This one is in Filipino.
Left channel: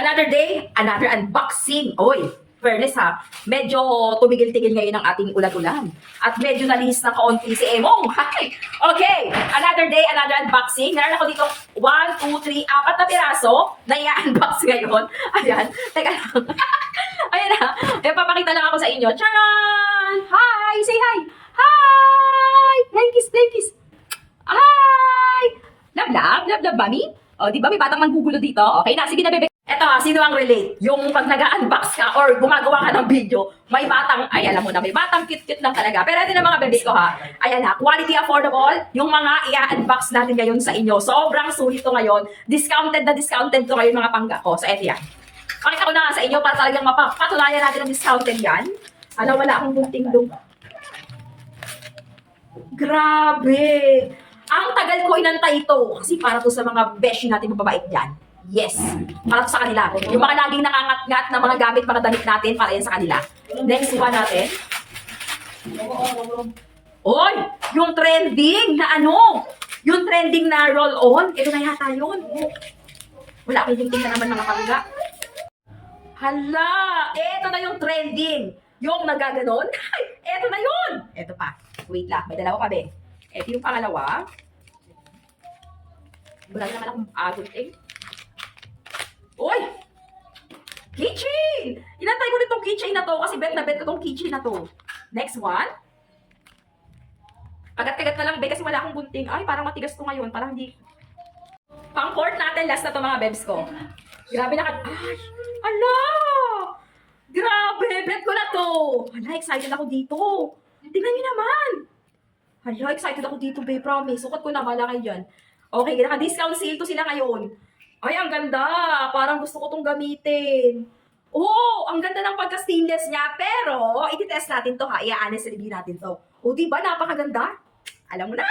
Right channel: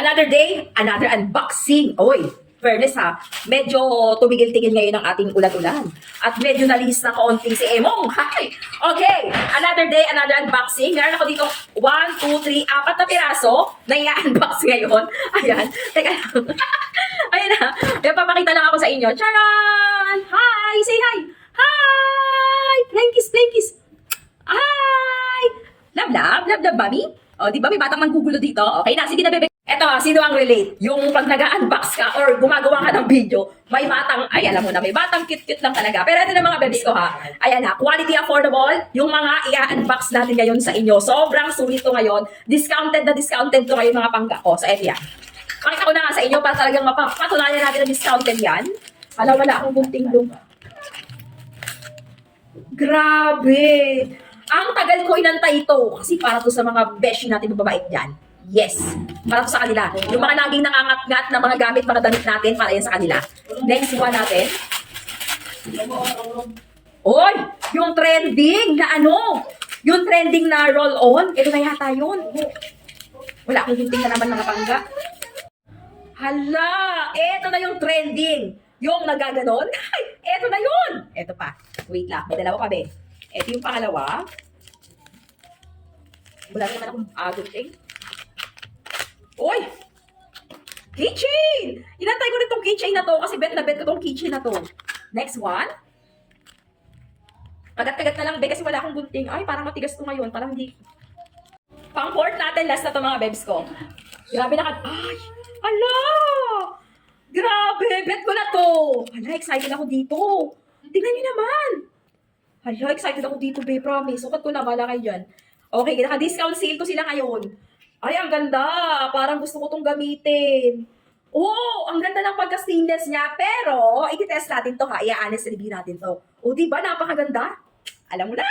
Another day, another unboxing. Oy, fairness ha, medyo tumigil-tigil ngayon ang ating ulan-ulan. At medyo nalis na kaunti si Emong. Hi! Okay, another day, another unboxing. Meron ako dito 1, 2, 3, 4 na piraso na i-unbox ngayon. Ayan, teka lang. Ayan na, ayan, papakita lang ako sa inyo. Charan! Hi! Say hi! Hi! Flying kiss, flying kiss. Hi! Love, love, love, love, mami. O, di ba may batang manggugulo dito? Okay na, sige na, bebe. Eto ha, sino ang relate? Yung pag nag-unbox ka or gumagawa ka ng video, may batang, ay alam mo na, may batang cute-cute lang talaga. Pero ito na mga bebes ko ha. Ayan ha, quality affordable. Yung mga i-unbox natin ngayon sa inyo. Sobrang sulit to ngayon. Discounted na discounted to ngayon mga pangga ko. So eto yan. Pakita ko na nga sa inyo para talagang mapatunayan natin na discounted yan. Alam, wala akong gunting doon. Grabe! Ang tagal ko inantay ito kasi para to sa mga beshi natin mababait dyan. Yes, para to sa kanila. Yung mga laging nangangat-ngat na mga gamit, mga damit natin, para yan sa kanila. Next one natin. Oy! Yung trending na ano? Yung trending na roll-on. Ito na yata yun. Wala akong gunting na naman mga pangga. Hala! Ito na yung trending. Yung nagaganon. Ay, ito na yun! Ito pa. Wait lang. May dalawa pa, be. Ito yung pangalawa. Wala naman akong gunting. Uy! Keychain! Inantay ko nitong keychain na to kasi bet na bet ko tong keychain na to. Next one. Kagat-kagat na lang, be, kasi wala akong gunting. Ay, parang matigas to ngayon. Parang hindi. Pang-port natin, last na to mga bebs ko. Grabe na ay! Ala! Grabe! Bet ko na to! Hala, excited ako dito. Tingnan niyo naman. Hala, excited ako dito, be. Promise. Sukat ko na, bala kayo dyan. Okay, naka-discount sale to sila ngayon. Ay, ang ganda. Parang gusto ko tong gamitin. Oo, ang ganda ng pagka-stainless niya. Pero, i-test natin to ha. I-honest review natin to. O, diba? Napakaganda. Alam mo na.